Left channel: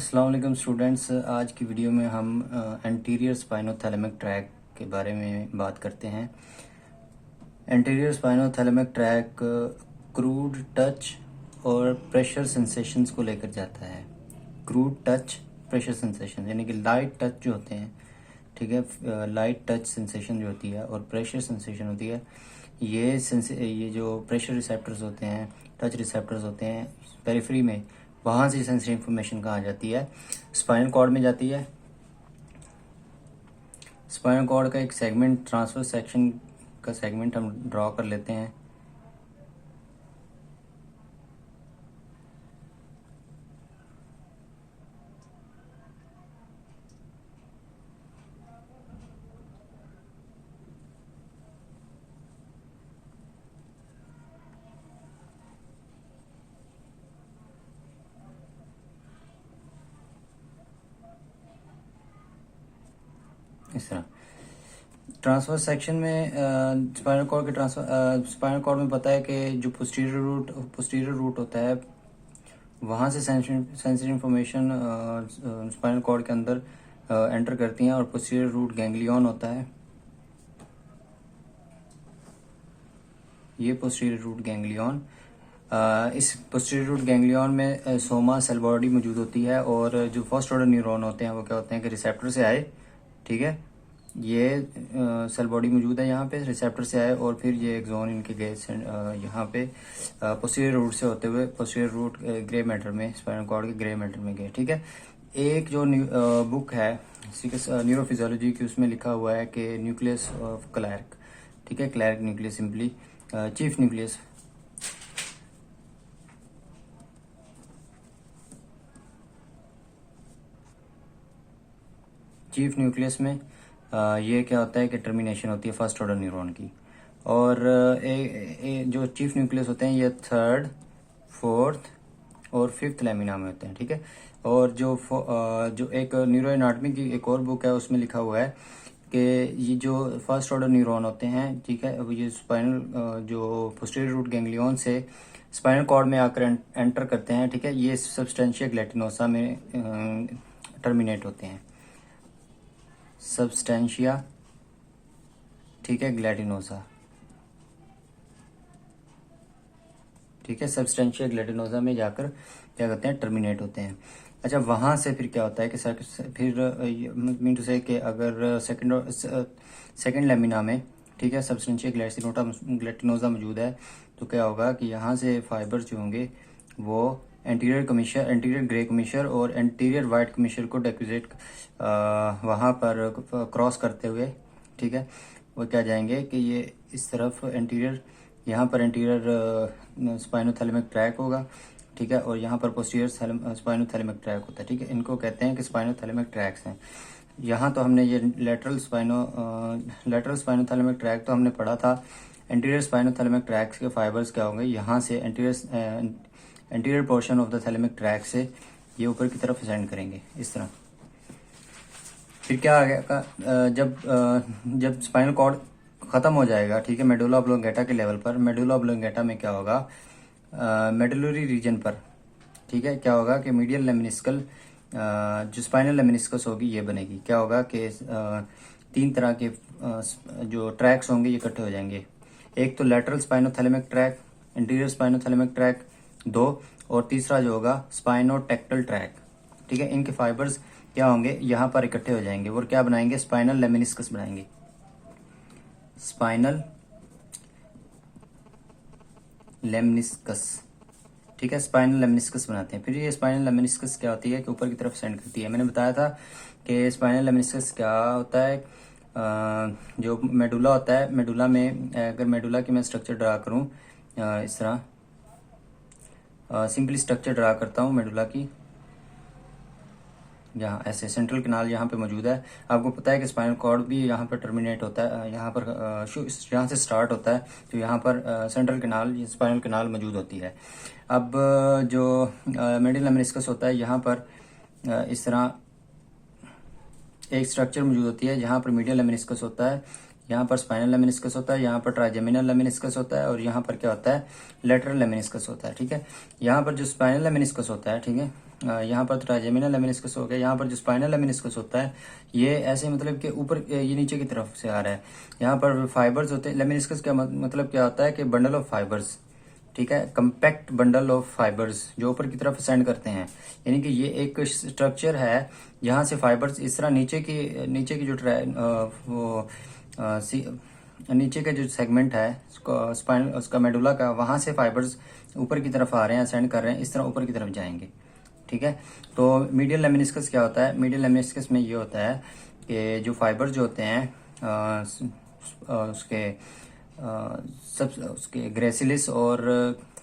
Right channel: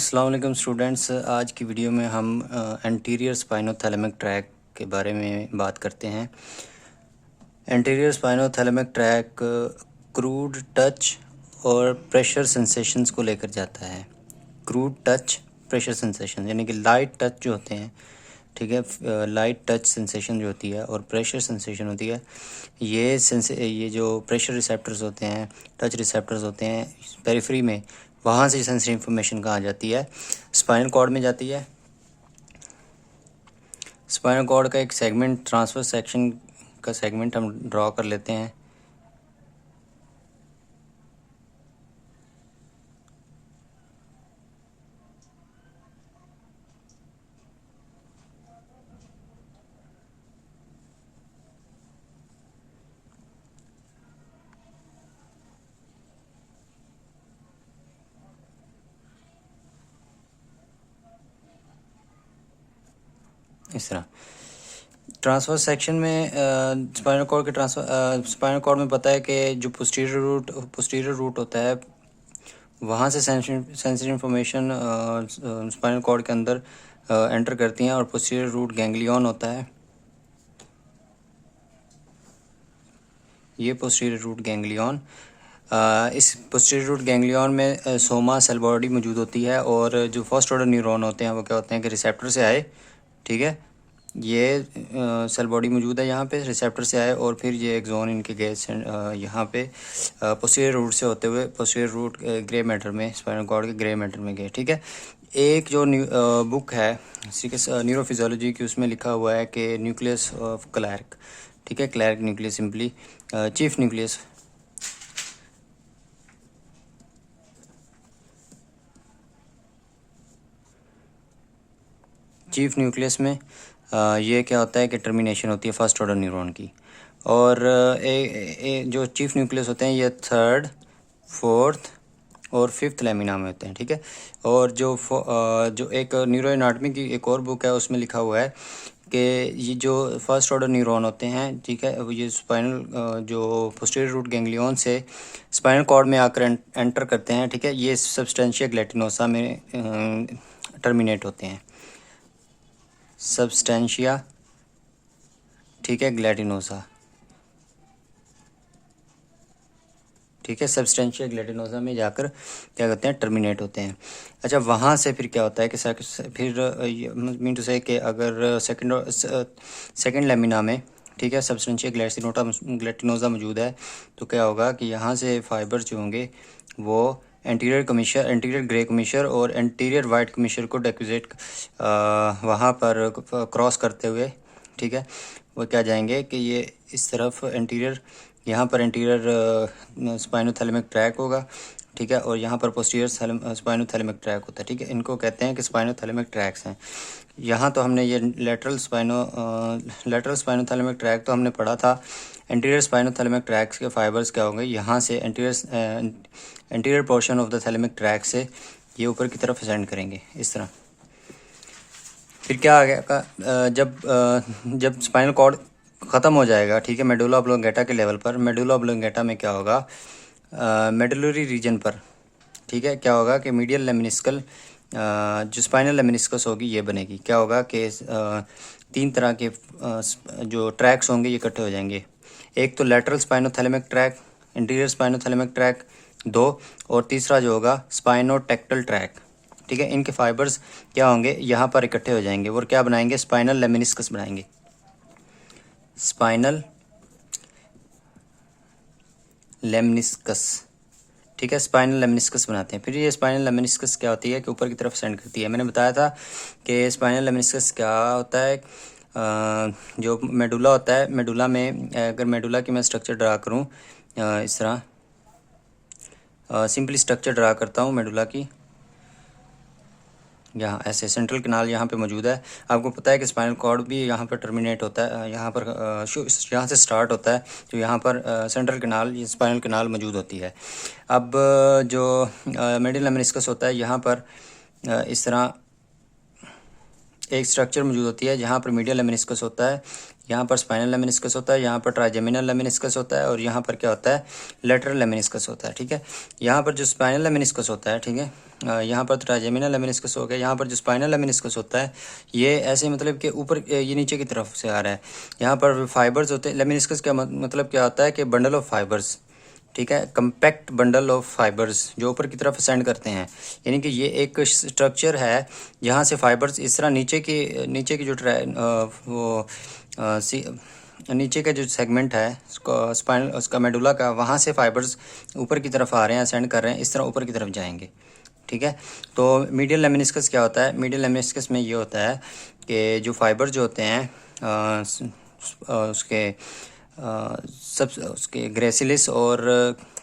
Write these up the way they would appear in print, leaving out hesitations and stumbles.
अस्सलाम वालेकुम स्टूडेंट्स। आज की वीडियो में हम एंटीरियर स्पाइनोथैलेमिक ट्रैक के बारे में बात करते हैं। Anterior spinothalamic track crude touch और प्रेशर सेंसेशंस को लेकर जाता है। क्रूड टच, प्रेशर सेंसेशन यानी कि लाइट टच जो होते हैं, ठीक है, लाइट टच सेंसेशन जो होती है और प्रेशर सेंसेशन होती है। ये जो प्रेशर रिसेप्टर्स होते हैं, टच रिसेप्टर्स होते हैं पेरिफेरी में, वहाँ से सेंसरी इंफॉर्मेशन कहाँ जाती है? स्पाइनल कॉर्ड में जाती है। स्पाइनल कॉर्ड का एक सेगमेंट, ट्रांसफर सेक्शन का सेगमेंट हम ड्रॉ कर लेते हैं। इस तरह ट्रांसफर सेक्शन में स्पाइनल कॉर्ड में पता है कि जो पोस्टीरियर रूट होता है, वहाँ से सेंसरी इंफॉर्मेशन स्पाइनल कॉर्ड के अंदर एंटर करती हैं और पोस्टीरियर रूट गैंग्लियन होता है। ये पोस्टीरियर रूट गैंग्लियन, इस पोस्टीरियर रूट गैंग्लियन में सोमा सेल बॉडी मौजूद होती है और जो फर्स्ट ऑर्डर न्यूरॉन होते हैं वो क्या होते हैं कि रिसेप्टर से आए, ठीक है, ये सेल बॉडी मौजूद है यहाँ पे, रिसेप्टर से आए और फिर ये एक्सोन इनके गए यहाँ पे पोस्टीरियर रूट से होते हुए पोस्टीरियर रूट ग्रे मैटर में, स्पाइनल कॉर्ड के ग्रे मैटर में गए, ठीक है। एक जो बुक है न्यूरोफिजियोलॉजी की, उसमें लिखा हुआ है कि न्यूक्लियस ऑफ क्लैर्क, ठीक है, Clarke nucleus simply chief nucleus. Chief nucleus में ये क्या होता है कि टर्मिनेशन होती है फर्स्ट ऑर्डर न्यूरॉन की। और जो चीफ न्यूक्लियस होते हैं ये थर्ड, फोर्थ और फिफ्थ लेमिना में होते हैं, ठीक है। और जो एक न्यूरो एनाटॉमी की एक और बुक है, उसमें लिखा हुआ है कि ये जो फर्स्ट ऑर्डर न्यूरॉन होते हैं, ठीक है, ये स्पाइनल जो पोस्टीरियर रूट गैंग्लियन से स्पाइनल कॉर्ड में आकर एंटर करते हैं, ठीक है, ये सब्सटेंशिया ग्लैटिनोसा में टर्मिनेट होते हैं। सब्सटेंशिया, ठीक है, ग्लैटिनोसा, ठीक है, सब्सटेंशिया ग्लैटिनोसा में जाकर क्या करते हैं? टर्मिनेट होते हैं। अच्छा, वहाँ से फिर क्या होता है कि फिर मीन टू से कि अगर सेकंड लेमिना में, ठीक है, सब्सटेंशिया ग्लैटिनोसा मौजूद है, तो क्या होगा कि यहाँ से फाइबर्स जो होंगे वो एंटीरियर ग्रे कमिशर और एंटीरियर वाइट कमिशर को डेक्विजेट वहाँ पर क्रॉस करते हुए, ठीक है, वो क्या जाएंगे कि ये इस तरफ एंटीरियर, यहाँ पर एंटीरियर स्पाइनोथैलेमिक ट्रैक होगा, ठीक है, और यहाँ पर पोस्टीरियर स्पाइनोथैलेमिक ट्रैक होता है, ठीक है। इनको कहते हैं कि स्पाइनोथैलेमिक ट्रैक्स हैं। यहाँ तो हमने ये लेटरल स्पाइनोथैलेमिक ट्रैक तो हमने पढ़ा था। एंटीरियर स्पाइनोथैलेमिक ट्रैक्स के फाइबर्स क्या होंगे? यहाँ से anterior portion of the thalamic track से ये ऊपर की तरफ असेंड करेंगे इस तरह। फिर क्या आ गया जब स्पाइनल कॉर्ड ख़त्म हो जाएगा, ठीक है, मेडुला ऑब्लोंगेटा के लेवल पर, मेडुला ऑब्लोंगेटा में क्या होगा? मेडुलरी रीजन पर, ठीक है, क्या होगा कि मीडियल लेमिनिस्कल जो स्पाइनल लेमिनिस्कस होगी ये बनेगी। क्या होगा कि तीन तरह के जो ट्रैक्स होंगे ये इकट्ठे हो जाएंगे। एक तो lateral spinothalamic track, interior spinothalamic track, दो, और तीसरा जो होगा स्पाइनोटेक्टल ट्रैक, ठीक है। इनके फाइबर्स क्या होंगे? यहाँ पर इकट्ठे हो जाएंगे और क्या बनाएंगे? स्पाइनल लेमिनिस्कस बनाएंगे। स्पाइनल लेमिनिस्कस, ठीक है, स्पाइनल लेमिनिस्कस बनाते हैं। फिर ये स्पाइनल लेमिनिस्कस क्या होती है कि ऊपर की तरफ सेंड करती है। मैंने बताया था कि स्पाइनल लेमिनिस्कस क्या होता है। जो मेडुला होता है, मेडुला में अगर मेडुला की मैं स्ट्रक्चर ड्रा करूँ इस तरह, सिंपली स्ट्रक्चर ड्रा करता हूँ मेडुला की, यहाँ ऐसे सेंट्रल कनाल यहाँ पे मौजूद है। आपको पता है कि स्पाइनल कॉर्ड भी यहाँ पर टर्मिनेट होता है, यहाँ पर यहाँ से स्टार्ट होता है, तो यहाँ पर सेंट्रल कनाल, ये स्पाइनल कनाल मौजूद होती है। अब जो मेडियल लेमिनिस्कस होता है, यहाँ पर इस तरह एक स्ट्रक्चर मौजूद होती है जहाँ पर मीडियल लेमिनिस्कस होता है, यहाँ पर स्पाइनल लेमिनिस्कस होता है, यहाँ पर ट्राइजेमिनल लेमिनिस्कस होता है और यहाँ पर क्या होता है? लेटरल लेमिनिस्कस होता है, ठीक है। यहाँ पर जो स्पाइनल लेमिनिस्कस होता है, ठीक है, यहाँ पर ट्राइजेमिनल लेमिनिस्कस हो गया। यहाँ पर जो स्पाइनल लेमिनिस्कस होता है ये ऐसे मतलब कि ऊपर ये नीचे की तरफ से आ रहा है। यहाँ पर फाइबर्स होते हैं। लेमिनिस्कस का मतलब क्या होता है कि बंडल ऑफ फाइबर्स, ठीक है, कंपैक्ट बंडल ऑफ फाइबर्स जो ऊपर की तरफ असेंड करते हैं। यानी कि ये एक स्ट्रक्चर है जहाँ से फाइबर्स इस तरह नीचे की जो नीचे का जो सेगमेंट है स्पाइनल उसका मेडुला का, वहाँ से फाइबर्स ऊपर की तरफ आ रहे हैं, असेंड कर रहे हैं, इस तरह ऊपर की तरफ जाएंगे। ठीक है, तो मीडियल लेमिनिस्कस क्या होता है? मीडियल लेमिनिस्कस में ये होता है कि जो फाइबर जो होते हैं उसके सब उसके ग्रेसिलिस और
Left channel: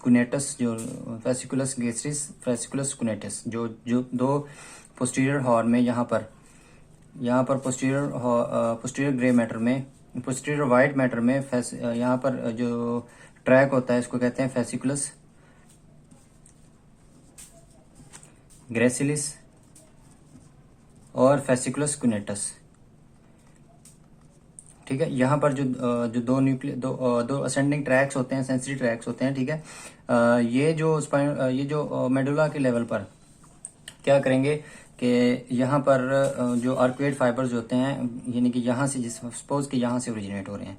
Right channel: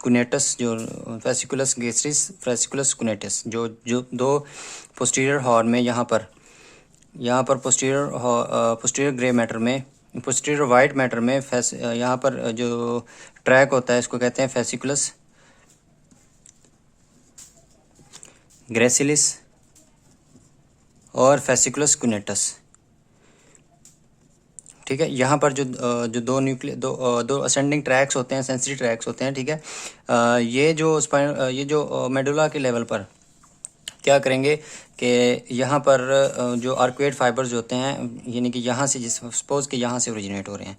कुनेटस, जो फेसिकुलस ग्रेसिलिस फेसिकुलस कुनेटस, जो जो दो पोस्टीरियर हॉर्न में यहाँ पर पोस्टीरियर ग्रे मैटर में, पोस्टीरियर वाइट मैटर में यहाँ पर जो ट्रैक होता है इसको कहते हैं फेसिकुलस ग्रेसिलिस और फेसिकुलस कुनेटस। ठीक है, यहाँ पर जो दो असेंडिंग ट्रैक्स होते हैं, सेंसरी ट्रैक्स होते हैं। ठीक है, ये जो मेडुला के लेवल पर क्या करेंगे कि यहाँ पर जो आर्कुएट फाइबर्स होते हैं, यानी कि यहाँ से सपोज कि यहाँ से ओरिजिनेट हो रहे हैं,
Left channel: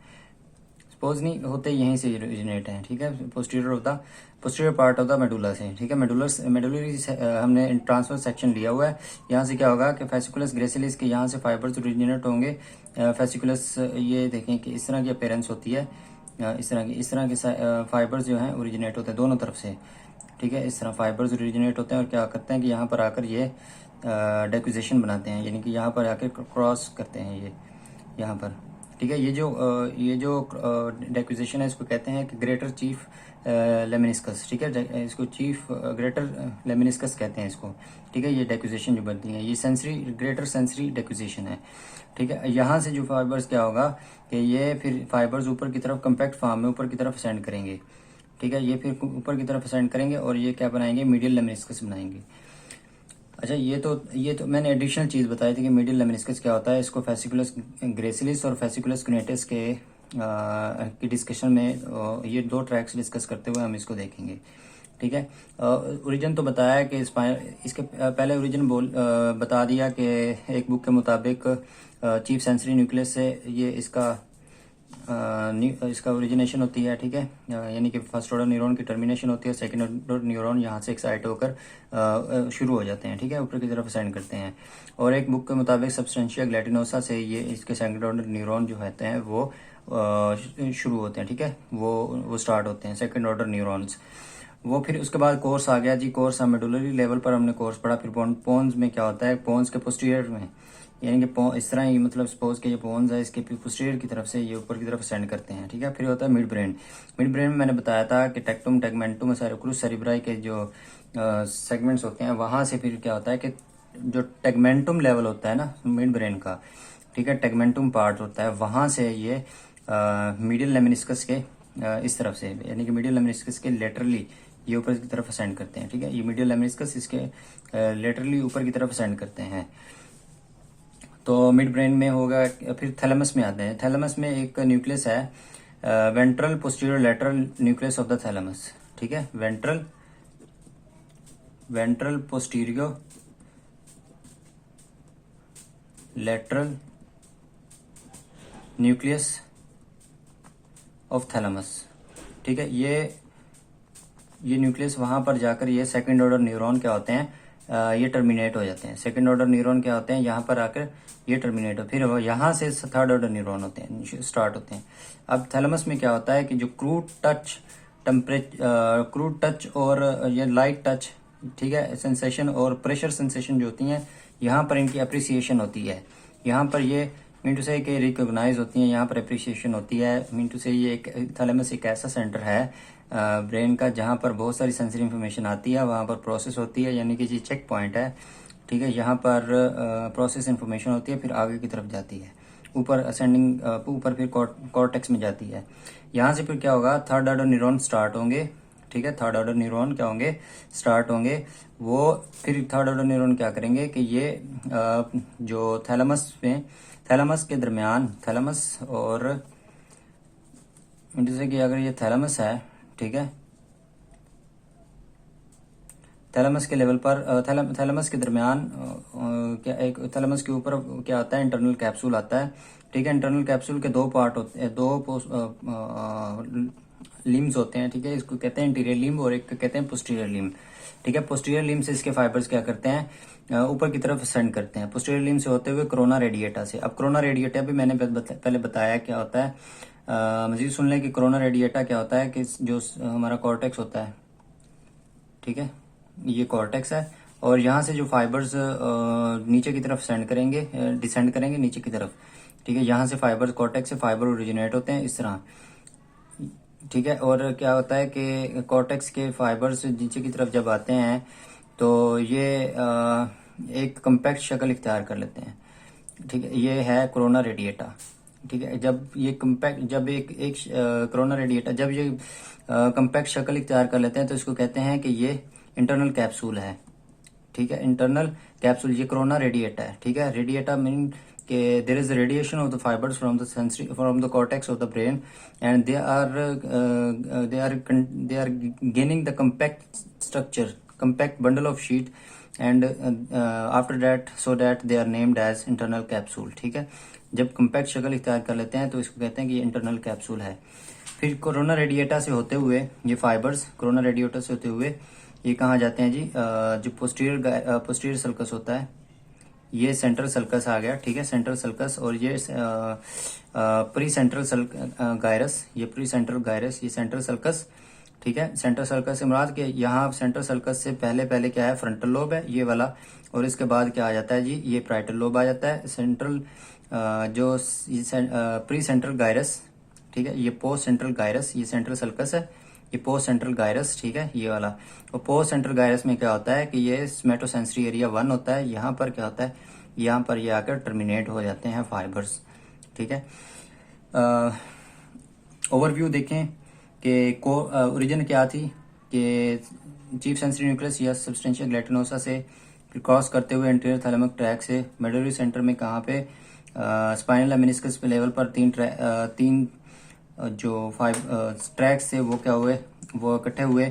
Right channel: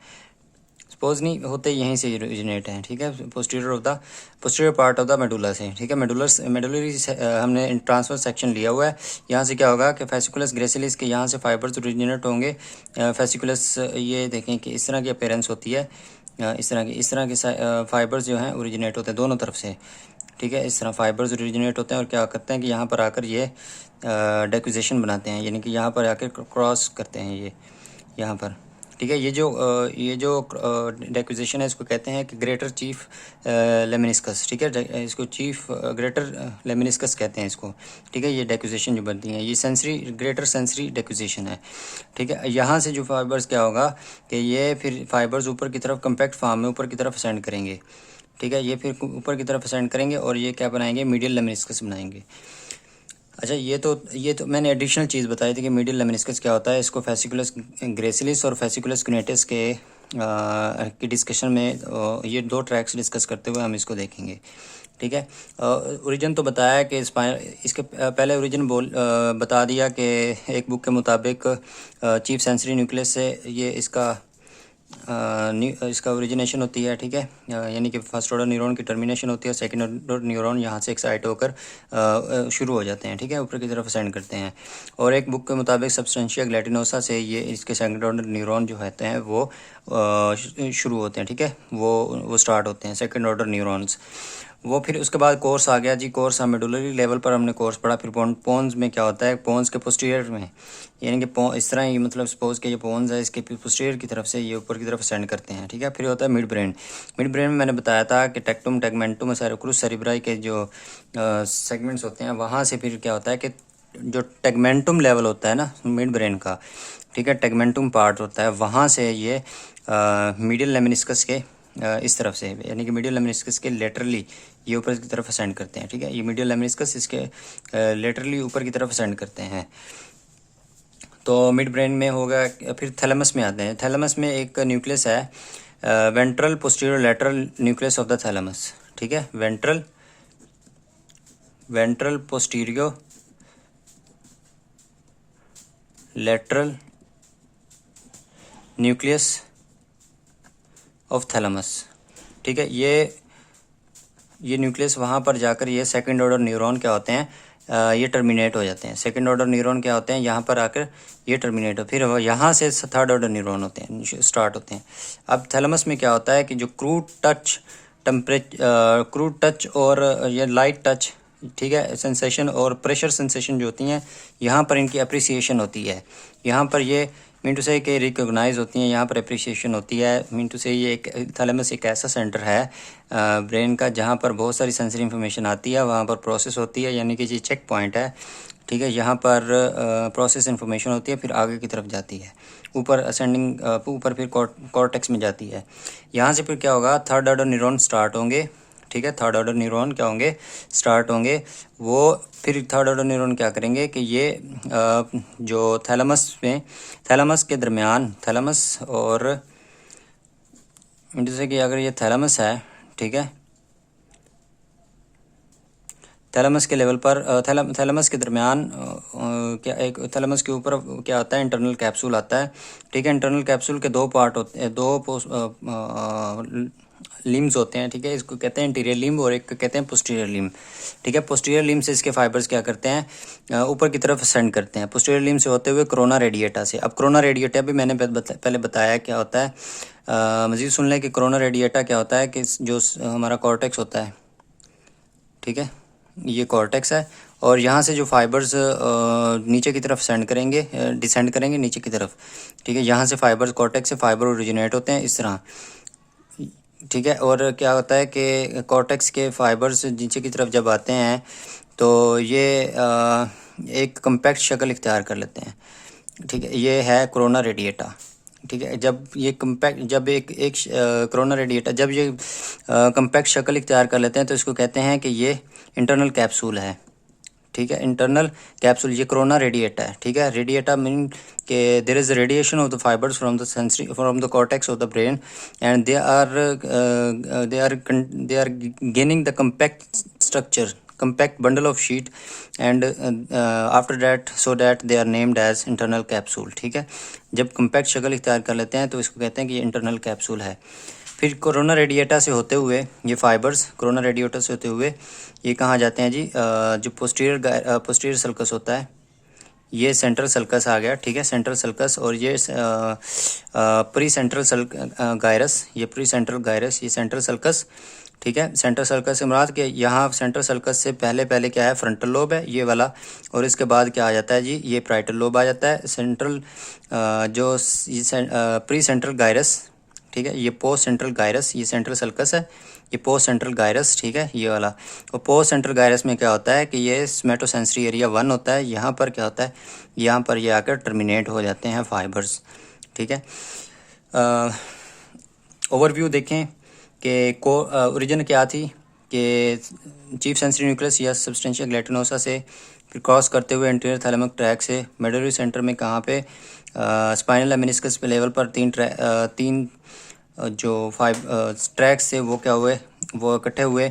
सपोज नहीं होते, यहीं से ओरिजिनेट हैं। ठीक है, posterior part of the medulla से। ठीक है, मेडुलरी हमने ट्रांसफर सेक्शन लिया हुआ है। यहाँ से क्या होगा कि फेसिकुलस ग्रेसिलिस के यहाँ से फाइबर्स ओरिजिनेट होंगे। फेसिकुलस ये देखें कि इस तरह की अपीयरेंस होती है, इस तरह के फाइबर्स जो हैं ओरिजिनेट होते हैं दोनों तरफ से। ठीक है, इस तरह फाइबर्स ओरिजिनेट होते हैं और क्या करते हैं कि यहाँ पर आकर ये डेक्विजेशन बनाते हैं, यानी कि यहाँ पर आकर क्रॉस करते हैं ये यहाँ पर। ठीक है, ये जो डेक्विजेशन है इसको कहते हैं कि ग्रेटर चीफ लेमिनिस्कस। ठीक है, इसको चीफ ग्रेटर लेमिनिस्कस कहते हैं इसको। ठीक है, ये डेक्विजेशन जो बनती है ये ग्रेटर सेंसरी डेक्विजेशन है। ठीक है, यहाँ से जो फाइबर्स क्या होगा कि ये फिर फाइबर्स ऊपर की तरफ कंपैक्ट फॉर्म में ऊपर की तरफ असेंड करेंगे। ठीक है, ये फिर ऊपर की तरफ असेंड करेंगे और ये क्या बनाएंगे? मीडियल लेमिनिस्कस बनाएंगे। अच्छा, ये तो मैंने एडिशनल चीज़ बताई थी कि मीडियल लेमिनिस्कस क्या होता है। इसको फेसिकुलस ग्रेसिलिस और फेसिकुलस कुनेटस की डिस्कशन में ये दो ट्रैक्स डिस्कस करते हुए हम इसको देखेंगे। ठीक है, ओरिजिन तो बताया कि इसके पहले ओरिजिन बता दिया कि एक बुक के मुताबिक चीफ सेंसरी न्यूक्लियस से ये इसका ओरिजिनेशन होती है। ठीक है, यानी कि फर्स्ट ऑर्डर न्यूरॉन की टर्मिनेशन होती है, सेकंड ऑर्डर न्यूरॉन यहाँ से एक्साइट होकर शुरू हो जाते हैं। ठीक है, ऊपर की तरफ असेंड करते हैं। और एक बुक के मुताबिक सब्सटेंशिया ग्लैटिनोसा से ये इसके सेकंड ऑर्डर न्यूरॉन जो होते हैं वो शुरू होते हैं। ठीक है, वो स्टार्ट होते हैं सेकंड ऑर्डर न्यूरॉन्स। वो फिर उसके बाद कोर्स आ गया जी, कोर्स हम मेडुलरी लेवल पर हमने कोर्स पढ़ा। फिर पोन्स में क्या होता है? पोन्स के पोस्टीरियर में, यानी कि इस तरह ही, मतलब सपोज कि ये पोन्स है, इसके पोस्टीरियर की तरफ से ये ऊपर की तरफ असेंड करते हैं। ठीक है, फिर होता है मिड ब्रेन। मिड ब्रेन में मैंने बताया था कि टेक्टुम टेगमेंटुम सेरेब्रस सेरेब्राई के जो सेगमेंट्स होते हैं, वहाँ से फिर क्या होता है कि जो टेगमेंटुम लेवल होता है ना मिड ब्रेन का, ठीक है, टेगमेंटुम पार्ट होता है, वहाँ से ये मीडियल लेमिनिस्कस के इस तरफ से, यानी कि मीडियल लेमिनिस्कस के लेटरली ये ऊपर की तरफ असेंड करते हैं। ठीक है, ये मीडियल लेमिनिस्कस इसके लेटरली ऊपर की तरफ असेंड करते हैं। तो मिड ब्रेन में होगा। फिर थैलेमस में आते हैं। थैलेमस में एक न्यूक्लियस है ventral posterior lateral nucleus of the thalamus. ठीक है, ventral posterior lateral nucleus of thalamus. ठीक है, ये न्यूक्लियस वहाँ पर जाकर ये सेकंड ऑर्डर न्यूरॉन क्या होते हैं, ये टर्मिनेट हो जाते हैं। सेकंड ऑर्डर न्यूरॉन क्या होते हैं, यहाँ पर आकर ये टर्मिनेट हो, फिर यहाँ से थर्ड ऑर्डर न्यूरॉन होते हैं, स्टार्ट होते हैं। अब थैलेमस में क्या होता है कि जो क्रूड टच और ये लाइट टच, ठीक है, सेंसेशन और प्रेशर सेंसेशन जो होती हैं, यहाँ पर इनकी अप्रिसिएशन होती है। यहाँ पर ये मीन टू से कि रिकॉग्नाइज होती हैं, यहाँ पर अप्रिसिएशन होती है। मीन टू से ये एक थैलेमस एक ऐसा सेंटर है ब्रेन का जहाँ पर बहुत सारी सेंसरी इन्फॉर्मेशन आती है, वहाँ पर प्रोसेस होती है, यानी कि ये चेक पॉइंट है। ठीक है, यहाँ पर प्रोसेस इन्फॉर्मेशन होती है, फिर आगे की तरफ जाती है, ऊपर असेंडिंग, ऊपर फिर कॉर्टेक्स में जाती है। यहाँ से फिर क्या होगा, थर्ड ऑर्डर न्यूरॉन स्टार्ट होंगे। ठीक है, थर्ड ऑर्डर न्यूरॉन क्या होंगे, स्टार्ट होंगे। वो फिर थर्ड ऑर्डर न्यूरॉन क्या करेंगे कि ये जो थैलेमस के दरमियान, थैलेमस और जैसे कि अगर ये थैलेमस है, ठीक है, थैलेमस के लेवल पर थैलेमस के दरमियान क्या एक थैलेमस के ऊपर क्या आता है, इंटरनल कैप्सूल आता है। ठीक है, इंटरनल कैप्सूल के दो पार्ट होते हैं, दो लिम्स होते हैं। ठीक है, इसको कहते हैं इंटीरियर लिम्ब और एक कहते हैं पोस्टीरियर लिम्ब। ठीक है, पोस्टीरियर लिम्ब से इसके फाइबर्स क्या करते हैं, ऊपर की तरफ सेंड करते हैं। पोस्टीरियर लिम्ब से होते हुए कोरोना रेडिएटा से। अब कोरोना रेडिएटा भी मैंने पहले बताया क्या होता है। मज़ीद सुन लें कि कोरोना रेडिएटा क्या होता है कि जो हमारा कॉर्टेक्स होता है, ठीक है, ये कॉर्टेक्स है, और यहाँ से जो फाइबर्स नीचे की तरफ डिसेंड करेंगे नीचे की तरफ। ठीक है, यहाँ से फाइबर्स, कॉर्टेक्स से फाइबर ओरिजिनेट होते हैं इस तरह। ठीक है, और क्या होता है कि कॉर्टेक्स के फाइबर्स नीचे की तरफ जब आते हैं तो ये एक कम्पैक्ट शक्ल इख्तियार कर लेते हैं। ठीक है, ये है कोरोना रेडिएटा। ठीक है, जब ये कम्पैक्ट जब एक कोरोना रेडिएटा जब ये कम्पैक्ट शक्ल इख्तियार कर लेते हैं तो इसको कहते हैं कि ये इंटरनल कैप्सूल है। ठीक है, इंटरनल कैप्सूल, ये कोरोना रेडिएटा है। ठीक है, रेडिएटा मीन के there is radiation of the fibres from the cortex of the brain and they are gaining the compact structure, compact bundle of sheet and after that so that they are named as internal capsule। ठीक है, जब compact शक्ल इख्तियार कर लेते हैं तो इसको कहते हैं कि ये इंटरनल कैप्सूल है। फिर कोरोना रेडिएटा से होते हुए ये फाइबर्स कोरोना रेडिएटा से होते हुए ये कहाँ जाते हैं जी, जो पोस्टीरियर सल्कस होता है, ये सेंट्रल सल्कस आ गया। ठीक है, सेंट्रल सल्कस, और ये प्री सेंट्रल गायरस, ये प्री सेंट्रल गायरस, ये सेंट्रल सल्कस। ठीक है, सेंट्रल सर्कस से मुराद के यहाँ सेंट्रल सर्कस से पहले क्या है, फ्रंटल लोब है ये वाला, और इसके बाद क्या आ जाता है जी, ये प्राइटल लोब आ जाता है। सेंट्रल जो प्री सेंट्रल गायरस, ठीक है, ये पोस्ट सेंट्रल गायरस, ये सेंट्रल सर्कस है, ये पोस्ट सेंट्रल गायरस। ठीक है, ये वाला। और पोस्ट सेंट्रल गायरस में क्या होता है कि ये स्मेटोसेंसरी एरिया 1 होता है। यहाँ पर क्या होता है, यहाँ पर ये आकर टर्मिनेट हो जाते हैं फाइबर्स। ठीक है, ओवरव्यू देखें कि ओरिजिन क्या थी कि चीफ सेंसरी न्यूक्लियस या सब्सटेंशिया ग्लैटिनोसा से फिर क्रॉस करते हुए एंटीरियर थैलेमिक ट्रैक से मेडुलरी सेंटर में कहाँ पे, स्पाइनल मेनिस्कस पे लेवल पर तीन जो ट्रैक्स थे वो क्या हुए, वो इकट्ठे हुए।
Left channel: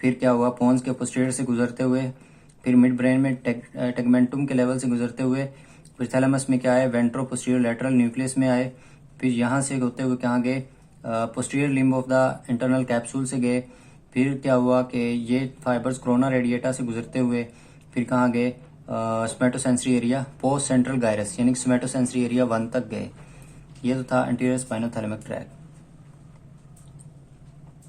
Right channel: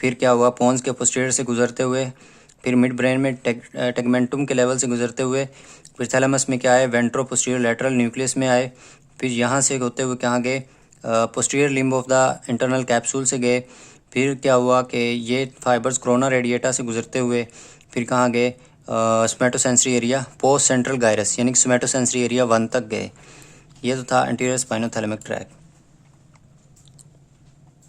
फिर क्या हुआ, पोन्स के पोस्टीरियर से गुजरते हुए, फिर मिड ब्रेन में टेगमेंटुम के लेवल से गुजरते हुए, फिर थैलेमस में क्या आए, वेंट्रो पोस्टीरियर लैटरल न्यूक्लियस में आए। फिर यहाँ से होते हुए कहाँ गए, posterior limb of the internal capsule से गए। फिर क्या हुआ कि ये फाइबर्स कोरोना रेडिएटा से गुजरते हुए फिर कहाँ गए, स्मेटोसेंसरी एरिया पोस्ट सेंट्रल गायरस यानी कि स्मेटोसेंसरी एरिया 1 तक गए। ये तो था एंटीरियर स्पाइनोथैलेमिक ट्रैक।